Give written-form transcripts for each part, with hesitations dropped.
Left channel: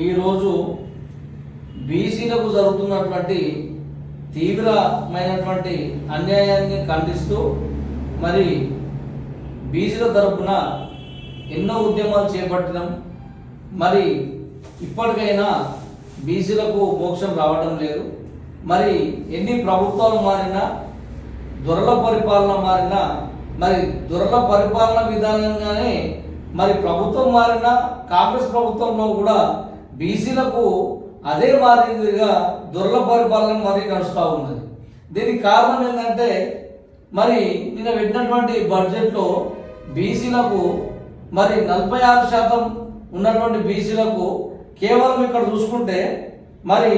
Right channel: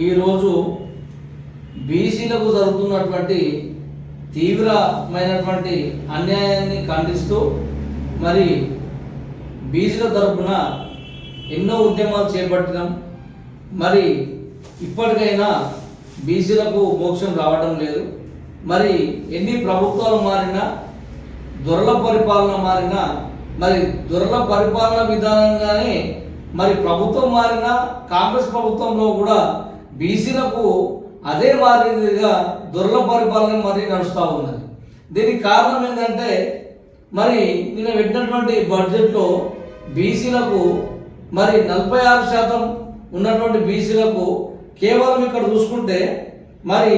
ఈరోజు బీసీలకు జరుగుతున్నటువంటి తీవ్రమైనటువంటి అన్యాయాన్ని ఖండిస్తూ మరి బీసీల తరపున ఎన్నో ఉద్యమాలు చేపట్టినాం. మరి ఇప్పటికైనా బీసీలకు మోక్షం రావడం లేదు. మరి ఎన్ని ప్రభుత్వాలు మారినా, దొరల పరిపాలన మారినా, మరి దొరల పరిపాలన విధానంగానే మరి ప్రభుత్వం మారినా కాంగ్రెస్ ప్రభుత్వంలో కూడా బీసీలకు అదే మాదిరిగా దొరల పరిపాలన మరి నడుస్తూ ఉన్నది. దీనికి కారణం ఏంటంటే మరి నిన్న పెట్టినటువంటి బడ్జెట్లో బీసీలకు మరి 46% ఉన్నటువంటి బీసీలకు కేవలం ఇక్కడ చూసుకుంటే మరి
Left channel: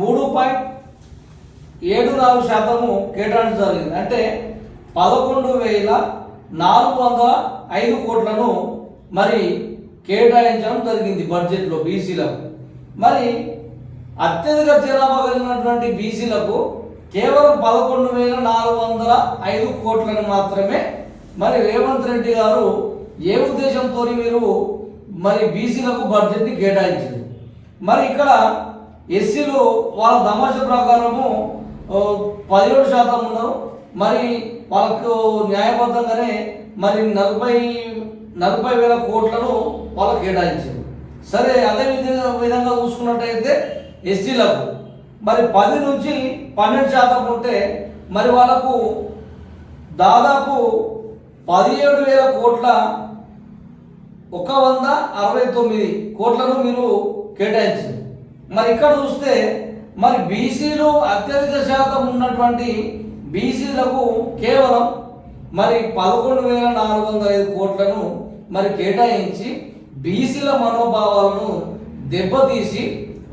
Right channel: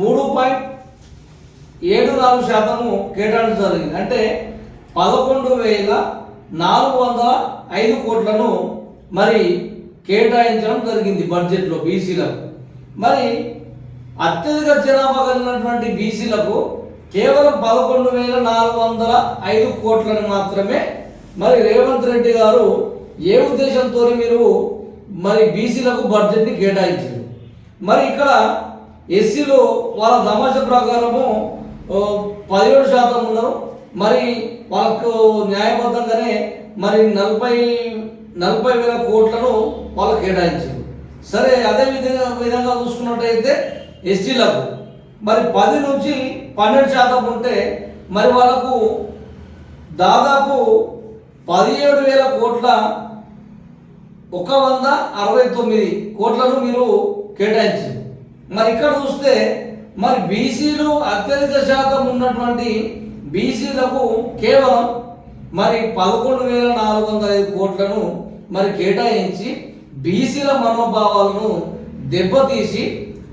3.74% కేటాయించడం జరిగింది. అంటే 11,405 కోట్లను మరి కేటాయించడం జరిగింది బడ్జెట్లో బీసీలకు. మరి అత్యధిక జనాభా కలిగినటువంటి బీసీలకు కేవలం 11,405 కోట్లను మాత్రమే మరి రేవంత్ రెడ్డి గారు ఏ ఉద్దేశంతో మీరు మరి బీసీలకు బడ్జెట్ని కేటాయించారు. మరి ఇక్కడ ఎస్సీలు వాళ్ళ తమాషా ప్రకారము 17% ఉన్నారు. మరి వాళ్ళకు న్యాయబద్ధంగానే మరి 40,000 కోట్లను వాళ్ళకు కేటాయించారు. సరే, అదే విధంగా చూసుకున్నట్టయితే ఎస్టీలకు మరి 10 నుంచి 12% ఉంటే మరి వాళ్ళకు దాదాపు 17,000 కోట్ల 169 కోట్లను మీరు కేటాయించారు. మరి ఇక్కడ చూస్తే మరి బీసీలు అత్యధిక శాతం ఉన్నటువంటి బీసీలకు కేవలం మరి 11,405 కోట్లను మరి కేటాయించి బీసీల మనోభావాలను దెబ్బతీసి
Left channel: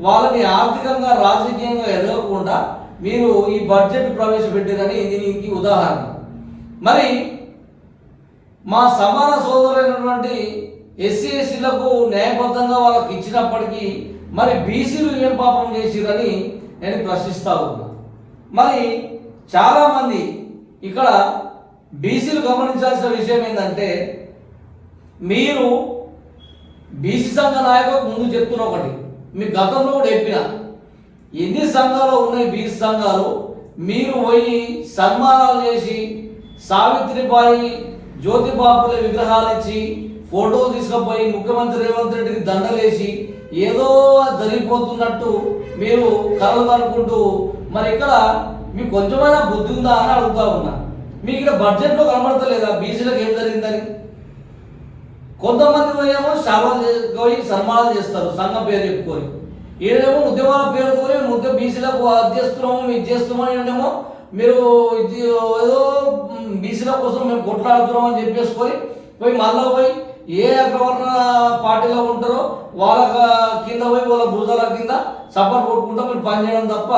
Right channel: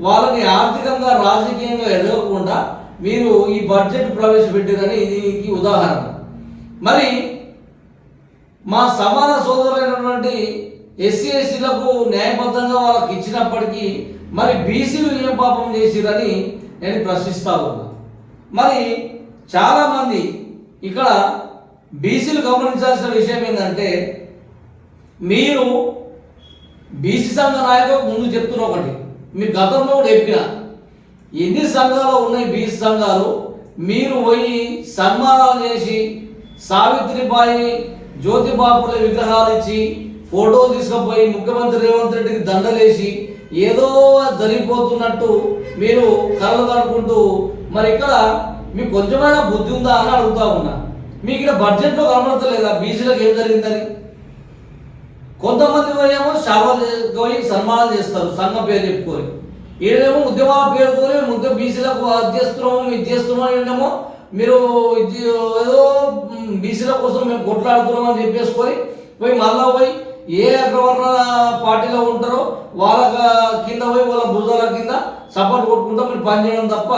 వాళ్ళని ఆర్థికంగా రాజకీయంగా ఎదగకుండా మీరు ఈ బడ్జెట్ ప్రవేశపెట్టారని దీనికి ఉదాహరణ. మరి మా సమాన సోదరులైనటువంటి ఎస్సీ ఎస్టీలకు న్యాయబద్ధంగా వాళ్ళకి ఇచ్చినప్పటికీ మరి బీసీలు ఏం పాపం చేసిరని నేను ప్రశ్నిస్తా ఉన్నా. మరి చాలామంది ఇక్కడ బీసీలు గమనించాల్సిన విషయం ఏంటంటే, మీరు బీసీ సంఘ నాయకులు ముందు చెప్తున్న ఒకటి, మీ గతంలో కూడా చెప్పిన ఎన్ని సంఘాలు ఉన్నాయి బీసీ సంఘాలు, మీరు పోయి సన్మానాలు చేసి సావిత్రిబాయి జ్యోతిబాపుల విగ్రహాలు ఇచ్చి ఫోటోలు తీసుకుపోయి ముఖ్యమంత్రి రేవంత్ రెడ్డికి దండలేసి ఏదో జరిగిపోతున్నట్టు మీరు కలలు కనుక్కుంటూ మరి ఇక్కడ మీకు కొంచెమైనా బుద్ధి ఉందా అని అడుగుతా ఉన్నా. మీకు ఇక్కడ బడ్జెట్లో కనబడతలేదా బీసీలకు ఏం జరిగిందని? కొంతమంది ఏమో శాపాలు పోయి సన్మానాలు చేస్తారు సంఘం పేరు చెప్పుకొని, ఏదేమో ఉద్యమాల పేరుతోనే బీసీలకు అది చేస్తున్నాము ఇది చేస్తున్నాము ఏమో మీరు ఏదో బీసీల కోసం మేము కొట్లాడుతున్నాం అని చెప్పేసుకొని పోయి మళ్ళా పోయి ఏ అగ్రవర్ణ పార్టీలో ఉంటారో వాళ్ళ కింద పోయి వాళ్ళ భుజాల కింద సపోర్ట్ కొట్టుకుంటూ మీరు పనిచేయడం తప్ప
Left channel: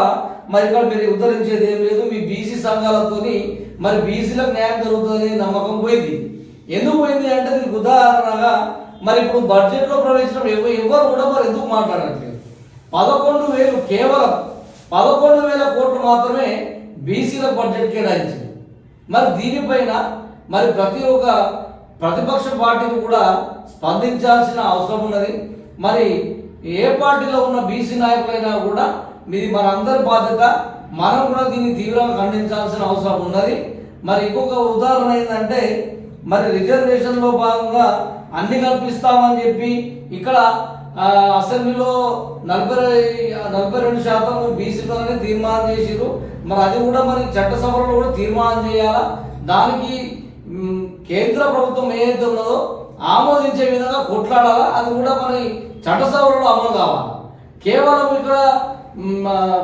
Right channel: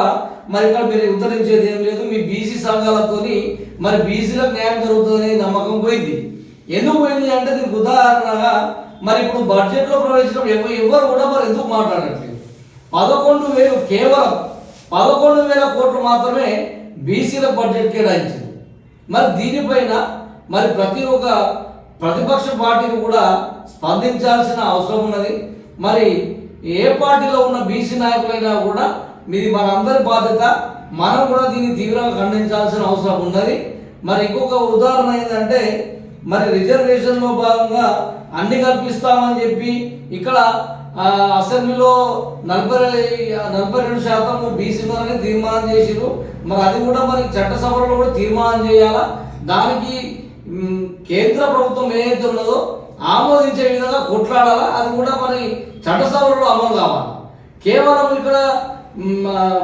మరి ఇక్కడ మీరు ఉద్ధరించేది ఏం లేదు. మీ బీసీ సంఘాలతోని మరి బీసీలకు న్యాయం జరుగుతుందని నమ్మకం పోయింది. ఎందుకు పోయింది అంటే దీనికి ఉదాహరణగా మరి ఇప్పుడు బడ్జెట్లో ప్రవేశించడం ఎవరు కూడా మరి ఎందుకు మాట్లాడట్లేదు. 11,000 కేవలం 11,000 కోట్లు మాత్రమే బీసీల బడ్జెట్ కేటాయించింది. మరి దీనిపైన మరి ప్రతి ఒక్క ప్రతిపక్ష పార్టీని కూడా స్పందించాల్సిన అవసరం ఉన్నది. మరి ఏ పార్టీలో ఉన్న బీసీ నాయకులైనా కూడా మీది మనందరి బాధ్యత, మనం కూడా దీన్ని తీవ్రంగా ఖండించాల్సిన అవసరం ఉన్నది. మరి ఇంకొక ఉదాహరణ ఏంటంటే, మరి రిజర్వేషన్లో భాగంగా అన్ని కల్పిస్తామని చెప్పి ఇక్కడ అసెంబ్లీలో 42% బీసీలనే తీర్మానం చేసిరు. మరి అది కూడా మరి చట్టసభలో కూడా తీర్మానం చేయాలా, దానికి కేంద్ర ప్రభుత్వం ఏదైతే ఉన్నదో ఆమోదించే విధంగా కొట్లాడాలా, అది కూడా మరి చట్టసభలో అమలు కావాలి. కేవలం ఇక్కడ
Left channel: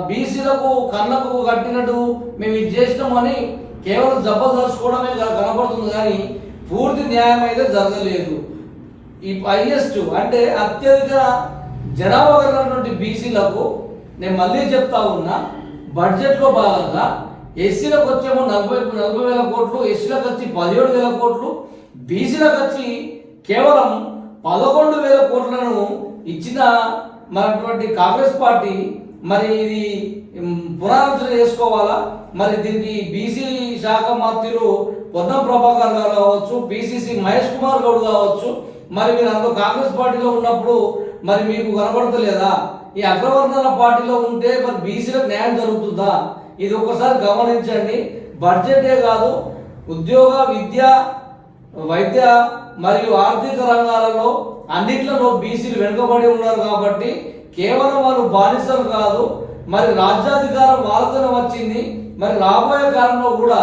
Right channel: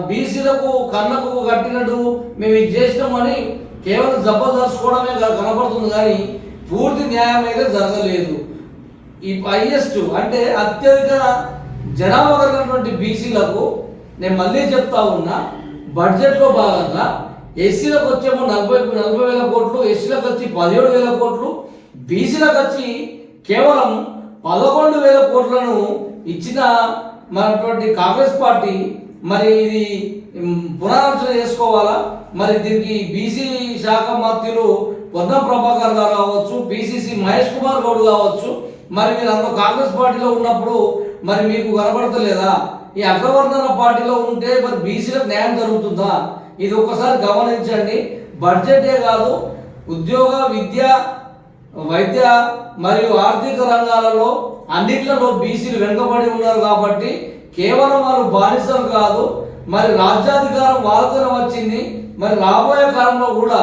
బీసీలకు కళ్ళకు కట్టినట్టు మేము ఇది చేసినామని కేవలం జబర్దర్చుకోవడమే కనపడుతుంది, కానీ పూర్తి న్యాయం అయితే జరగలేదు. ఈ హైయెస్ట్ అంటే అత్యధిక జనాభా కలిగినటువంటి బీసీలకు నేను మళ్ళీ చెప్తా ఉన్నా, బడ్జెట్లో భాగంగా ఎస్సీలకు వచ్చేమో 40,000 కోట్లు, ఎస్సీలకు వచ్చి 17,000 కోట్లు, బీసీలకు వచ్చి కేవలం 11,000 కోట్లను ఇచ్చిన మనటువంటి కాంగ్రెస్ పార్టీ మరి ఇది పునరాలోచన చేసుకోవాలా. మరి దీనికి బీసీ శాఖ మంత్రులు పొన్నం ప్రభాకర్ గారు కావచ్చు, పిసిసి మహేష్ కుమార్ గౌడ్ కావచ్చు, మరి మీరు అందులో కాంగ్రెస్ పార్టీలో ఉన్నప్పుడు మరి మీకు కనబడతలేదా? ఈ అగ్రవర్ణన పార్టీలో ఉంటే మరి బీసీలకు న్యాయం జరుగుతుందా? ఇది ఒక్కసారి గమనించండి. బడ్జెటే కాదు, ఉద్యోగ, విద్య, వైద్య మరియు ఆర్థిక రంగాలలో అన్నిట్లలో బీసీలు వెనుకబడి ఉన్నారు కాబట్టి కేవలం వారు బానిసలు కాదు, మరి రాజ్యాధికారం వాళ్ళతోనే వచ్చింది. మరి రాబోయే కాలంలో కూడా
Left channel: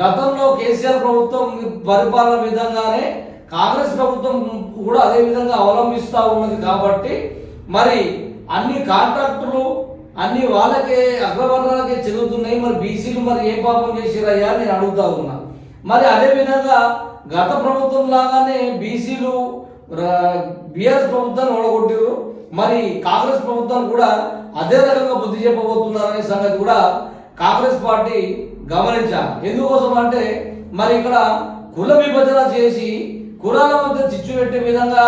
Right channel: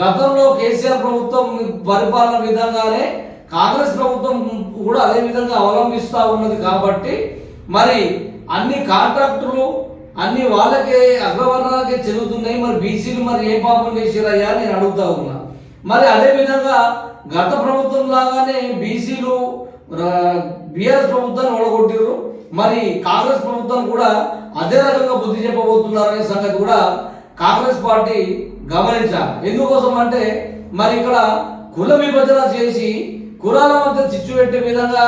గతంలో కేసీఆర్ ప్రభుత్వం పరిపాలన విధంగానే కాంగ్రెస్ ప్రభుత్వం కూడా అదే విధంగా అవలంబిస్తూ ఉన్నది కాబట్టి మరి అన్ని కాంట్రాక్టులు అన్ని వాళ్ళకే అగ్రవర్ణాలకే చెందుతున్నాయి. మరి బీసీలు మరి ఏ పాపం చేసిరయ్యా నేను అడుగుతా ఉన్నా. మరి అదే విధంగా గత ప్రభుత్వం లాగానే బీసీలు బీఆర్ఎస్ ప్రభుత్వాన్ని ఓడగొట్టారు. మరి కాంగ్రెస్ ప్రభుత్వాన్ని కూడా అదే రకంగా బుద్ధి చెప్పబోతున్నారనే సంగతి కూడా కాంగ్రెస్ పార్టీ గమనించాలి. ఎందుకోసం అంటే మరి ఇక్కడ కుల విభజన చేసి కులాల మధ్య చిచ్చు పెట్టే విధంగా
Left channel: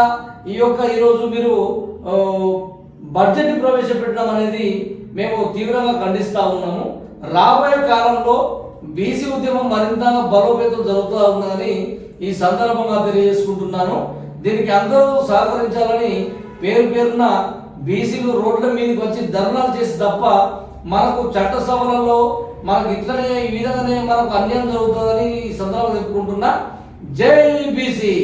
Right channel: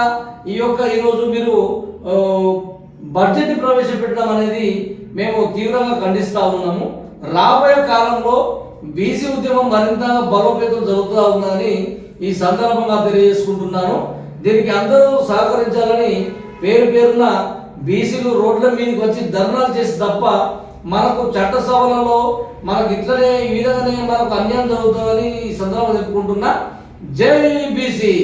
ఈరోజు మీరు బడ్జెట్ ప్రవేశపెట్టడం అనేది మేము తీవ్రంగా ఖండిస్తూ ఉన్నాము. రాబోయే కాలంలో బీసీ ఉద్యమం మరింతగా బలోపేతం జరుగుతూ ఉన్నదని ఈ సందర్భంగా తెలియజేసుకుంటున్నాను. దీనికి అందరూ సహకరించాలని పేరున బీసీలు రోడ్ల మీదకి వచ్చి ధర్నాలు చేసి తప్ప మనకు చట్టసభలలో మనకు ఇట్లనే ఈ విధంగానే మనకు అన్యాయం జరుగుతుందని ఈ సందర్భంగా చెప్పుకుంటున్నా. జై బీసీ.